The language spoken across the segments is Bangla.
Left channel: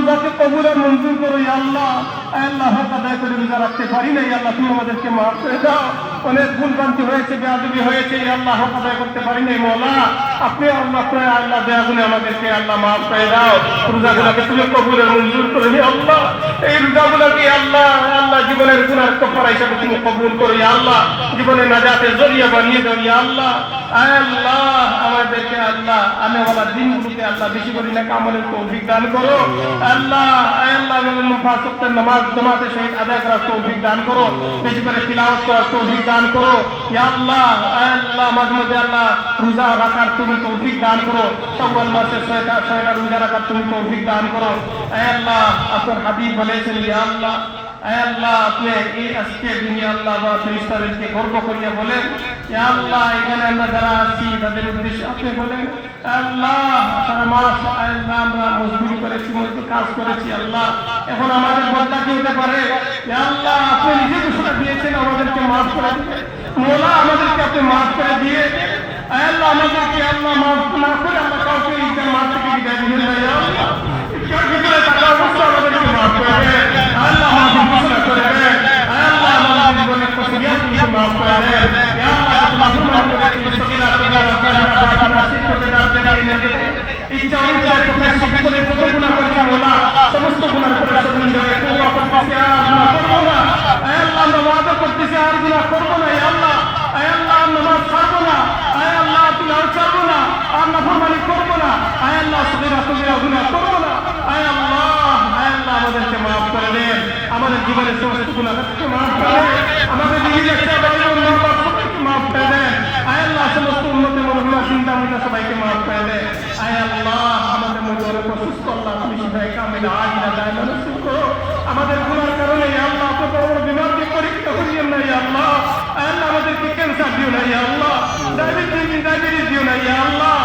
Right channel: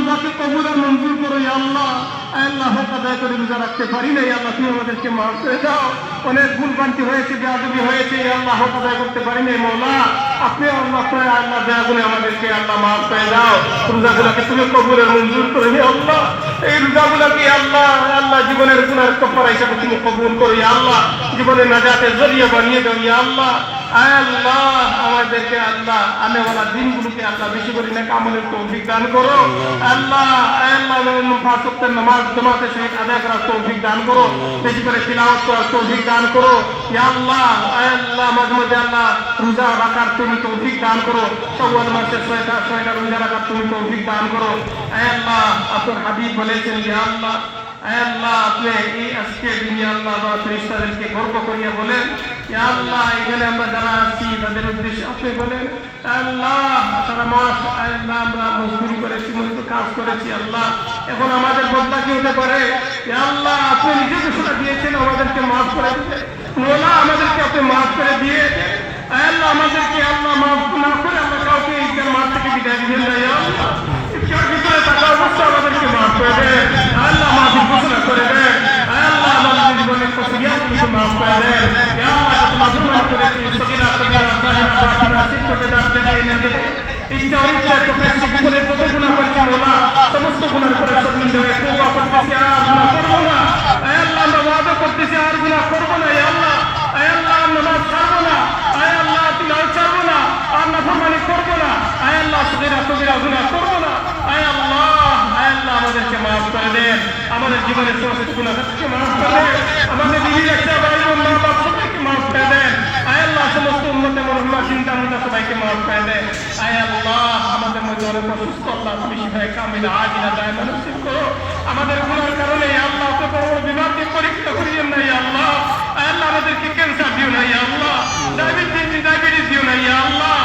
রোজাকে কবুল আর মঞ্জুর করো ইয়া আল্লাহ। আল্লাহ হক আদায় করে রোজা রাখতে পারি না, আল্লাহ তুমি আমাদেরকে মাফ করে দাও। অনেক ভুলভ্রান্তি হয়েছে, বেয়াদবি হয়েছে, আল্লাহ হক আদায় করতে পারি নাই মওলা। আপনি আল্লাহ করে আল্লাহ বেয়াদুনে আমাদেরকে আল্লাহ মাফ করে দাও। রোজাগুলোকে তুমি কবুল আর মঞ্জুর করে নিও আল্লাহ। এই রোজাগুলোকে আল্লাহ আল্লাহ জীবনের গুনাহ কাফারা হিসেবে তুমি কবুল করো ইয়া আল্লাহ। জীবনের নাজাতের জরিয়া বানিয়ে দাও ইয়া আল্লাহ। আল্লাহ আমাদেরকে আল্লাহ আনেওয়ালা দিনগুলোকে আল্লাহ বেশি করে নেক আমলের তৌফিক দান করো আল্লাহ। আল্লাহ পাঁচ ওয়াক্তের নামাজ জামাতের সহিত আদায় করার তৌফিক দান করো, বেশি করে তিলাওয়াত করার তৌফিক দান করো ইয়া আল্লাহ। আল্লাহ মাঝে মাঝে আল্লাহ রোজা রাখার তুমি তৌফিক দান করো, শাওয়াল মাসের 6টা রোজা রাখার তুমি তৌফিক দান করো আল্লাহ। আপনার হাবিব বলেছেন ইয়া আল্লাহ আল্লাহ আপনি এই আজকে দিনে আল্লাহ বা ফেরেশতাদেরকে গর্ব করিয়া বলেন ইয়া আল্লাহ এখানে আমরা যারা আছি তাদের উদ্দেশ্যে আপনি বলেন আল্লাহ সারা মাস আল্লাহ আমরা মজদুরি করেছি, মজদুরি কাজ করেছি আল্লাহ, এখন আমাদের বদলা কি হতে পারে ইয়া আল্লাহ আপনি নিজে ঘোষণা দিয়েছেন আমাদেরকে মাফ করে দিতে মওলা, আমাদেরকে আপনি মাফ করে দিয়ে আল্লাহ আমাদেরকে আল্লাহ মাফ করে আমরা কাউকে এই মাফ থেকে বিদায় দিয়ে দেন ইয়া আল্লাহ। ইফতার ভিতরে সারা মাস আমাদেরকে মাফ করে দেন আল্লাহ, আমাদের ঘোষণা করে দেন আল্লাহ, আমাদের জীবনের কসবিয়া তুমি মাফ করে দেন ইয়া আল্লাহ। আমাদের জীবনের কসবিয়া তুমি মাফ করে দেন ইচ্ছা ইচ্ছা তুমি সকলের পরিপূর্ণ করে মওলা, সমস্ত গুনাহ থেকে সুন্দর করে আল্লাহ আমরা ওয়াদা করতেছি আর গুনাহ করব না ইয়া আল্লাহ। আল্লাহ আমরা ছাড়ব না আল্লাহ, তুমি ছাড়ব না আমরা ফরমানি করব না আল্লাহ, সদা সদা গুনাহ করব না আল্লাহ। আল্লাহ আমাদেরকে মাফ করে দেন, আমাদের জীবনের সমস্ত গুনাহ থেকে মাফ করে দেন, আমাদের জীবনের সবাইকে মাফ করে দেন আল্লাহ, সমস্ত উম্মতের মহিলা চিন্তা ভাবনা সবাইকে মাফ করে দেন আল্লাহ। আমাদের মধ্যে সুস্থ আল্লাহ তুমি শিফায়ে কামিলা আজিলা দায়মা নসিব করো, আমাদের গুনাহের কারণে আল্লাহ তো বড় বিমারকে পরীক্ষা করিয়েন না আল্লাহ। আল্লাহ আমাদেরকে ক্যান্সার দিও না আল্লাহ, ডায়াবেটিস দিও না আল্লাহ।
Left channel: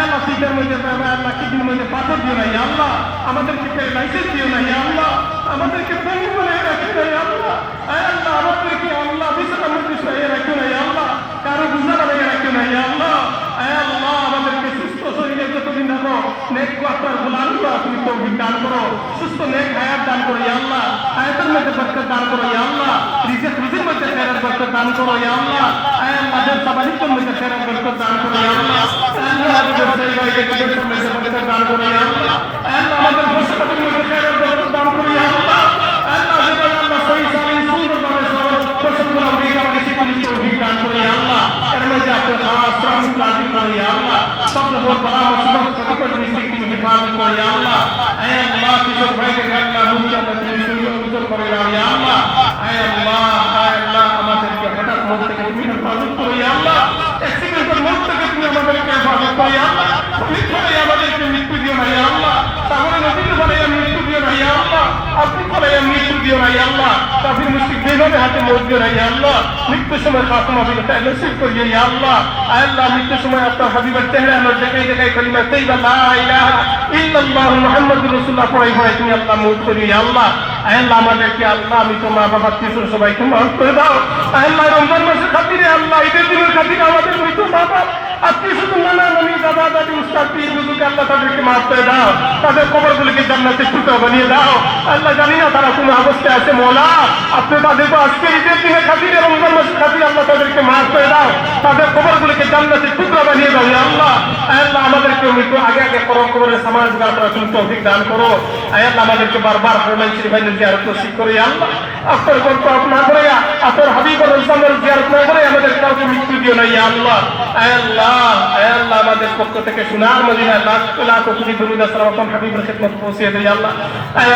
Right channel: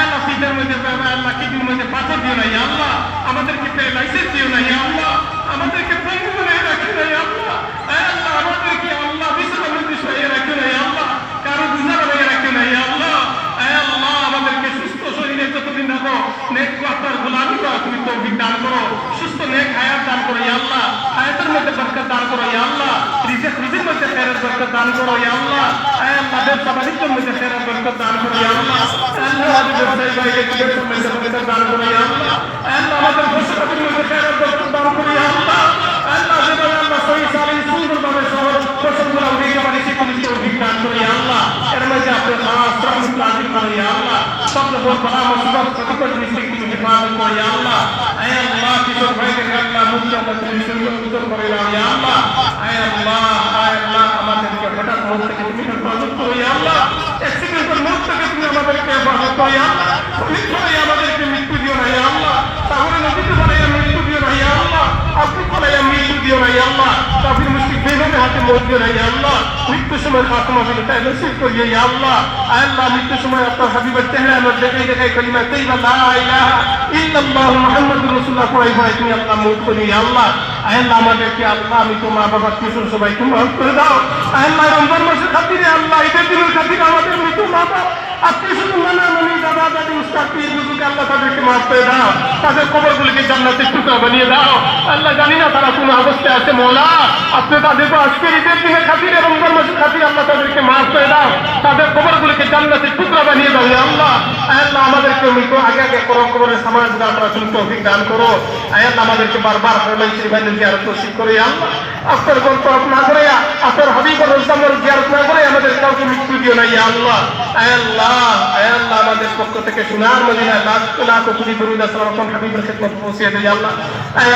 আল্লাহ সিদ্ধার মধ্যে আল্লাহ কিডনির মধ্যে পাথর দিও না আল্লাহ, আমাদেরকে প্যারালাইসিস দিও না আল্লাহ, আমাদেরকে পঙ্গু বানিয়ে রাখো না আল্লাহ। আল্লাহ আমাদেরকে আল্লাহ বিছানার মধ্যে শুয়ে রাখো না আল্লাহ, কারো গুনাহ বানিয়ে রাখো না আল্লাহ। আল্লাহ আমাদেরকে সুস্থ শরীরে যতদিন রাখো নেক আপনার গোলামি করো, তুমি তৌফিক দান করো, সুস্থ নেক হায়াত দান করো আল্লাহ, হায়াতের মধ্যে বরকত দান করো আল্লাহ, রিজিকের মধ্যে ফেরত বরকত দান করো আল্লাহ, আমাদের সবাইকে মধ্যে ফেরত বরকত দান করো আল্লাহ, আমাদের জায়গায় বরকত দান করো আল্লাহ, আমাদের ভবিষ্যতের মধ্যে ফেরত বরকত দান করো আল্লাহ। আল্লাহ আমরা সহি সহি সুন্দরভাবে সবগুলো আমরা বেশি করে তৌফিক দান করো আল্লাহ, এর মধ্যে আপনার সালাম নাযিল করো আল্লাহ, সব বড় মুসিবত থেকে রিজিক তুমি দান করো আল্লাহ। আল্লাহ কিছু ভাইকে আল্লাহ মুক্ত করে সুন্দর করো আল্লাহ। আল্লাহ আমাদেরকে হঠাৎ মুক্ত করে দান করো আল্লাহ, অ্যাক্সিডেন্টের মুক্ত থেকে তুমি আমাদেরকে হেফাজত করো আল্লাহ, তুমি আমাদেরকে মৃত্যু দিও না আল্লাহ, তাহলে নবীর বলে মৃত্যু দিও না আল্লাহ, আপনি বলে মৃত্যু দিও না আল্লাহ, কাফির মুশরিক বেঈমান হাতে মত দিও না আল্লাহ, মৃত্যুর সময় খাতমা বিল তাই নসিব করিও আল্লাহ। আল্লাহ মৃত্যুর সময় আপনার হাবিবের চেহারা আমার জায়গায় জায়গায় কালিমা তাইয়্যিবা লা ইলাহা ইল্লাল্লাহ মুহাম্মাদুর রাসূলুল্লাহ পড়াই হয় তুমি আল্লাহ মত করিও আল্লাহ। আল্লাহ আমাদেরকে আল্লাহ আমি তো মা বাবা কিশোর সবাইকে মাফ করে দাও আল্লাহ, রমজান মাসের খাতিরে আল্লাহ ঈদের দিনের খাতিরে আমাদের মৃত মা বাবা আত্মীয় স্বজন নানা নানি দাদা দাদি উস্তাদ পীর বুজুর্গ আল্লাহ তাদেরকে মাফ করে দাও, তাদের কবরগুলোকে জান্নাতের টুকরা বানিয়ে দাও আল্লাহ। জানি না তারা কোন অবস্থায় আছে মওলা, আপনি তাদেরকে আজকের ঈদের দিনের খাতিরে রমজান মাসের খাতিরে আল্লাহ তাদেরকে মাফ করে দাও, তাদের কবরগুলোকে জান্নাতের টুকরা বানিয়ে দাও আল্লাহ। আল্লাহ আমাদেরকে মৃত্যু আগে আগে কবরের সামান জোগাড় করার জন্য তৌফিক দান করো আল্লাহ। আমাদেরকে বারবার হরমাই শরীফের জিয়ারত নসিব করে আল্লাহ, আপনার গল্প না করে আপনার হাবিবুর ইসলামের জিয়ারত না করে আমাদের কাউকে মৃত্যু দিও না আল্লাহ। আল্লাহ আল্লাহ আমাদের পক্ষ থেকে সোনার মদিনা লাখ লাখ কোটি দরুদ সালাম হাবিবের খেদমত পৌঁছে দেই আল্লাহ।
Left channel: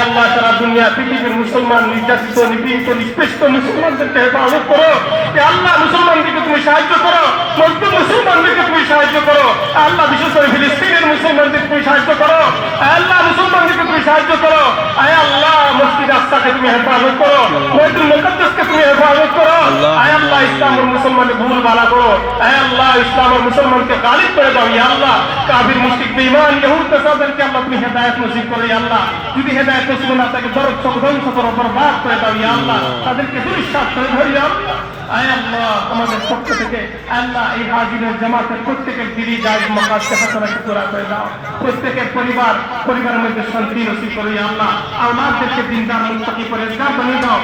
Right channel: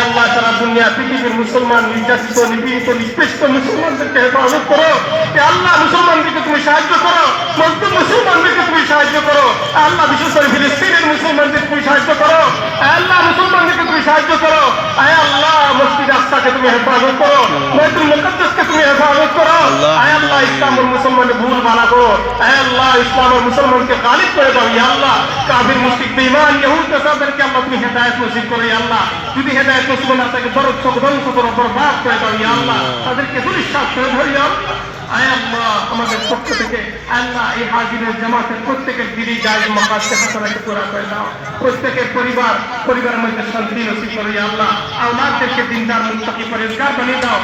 আল্লাহ সারা দুনিয়া পৃথিবীর মুসলমান নির্যাতিত নিপীড়িত নিষ্পেষিত মুসলমানদেরকে হেফাজত করো আল্লাহ, মুসলমানদেরকে তুমি সাহায্য করো, মজলুম মুসলমানদেরকে তুমি সাহায্য করো আল্লাহ, বিশেষ করে ফিলিস্তিনের মুসলমানদেরকে তুমি সাহায্য করো আল্লাহ, মুসলমানদেরকে তুমি সাহায্য করো আল্লাহ, মসজিদ আকসাকে তুমি হেফাজত করো, বাইতুল মুকাদ্দাসকে তুমি হেফাজত করো আল্লাহ, ইসলামের মুসলমানদের ভুল ভালো করো আল্লাহ, ইসলামের মুসলমানকে গালিব করে দাও আল্লাহ, কাফির মুশরিক বেঈমান ইহুদ তাদেরকে আল্লাহ তুমি হেদায়েত নসিব করে আল্লাহ, যদি হেদায়েত নসিব না থাকে বরকত ধ্বংস করো, বরবাদ করে দাও আল্লাহ, তাদেরকে দুনিশ করে দাও আল্লাহ। আয় আল্লাহ আমাদের পক্ষ থেকে আল্লাহ এই হাজিরের জামাতের প্রত্যেকের দিদি জায়গ মাকাতে হাসানাতে পুরা করে দাও। প্রত্যেকের পরিবারের মধ্যে শান্তি নসিব করে আল্লাহ। আমাদেরকে দিনদার মুত্তাকি পরেজগার বানিয়ে দাও।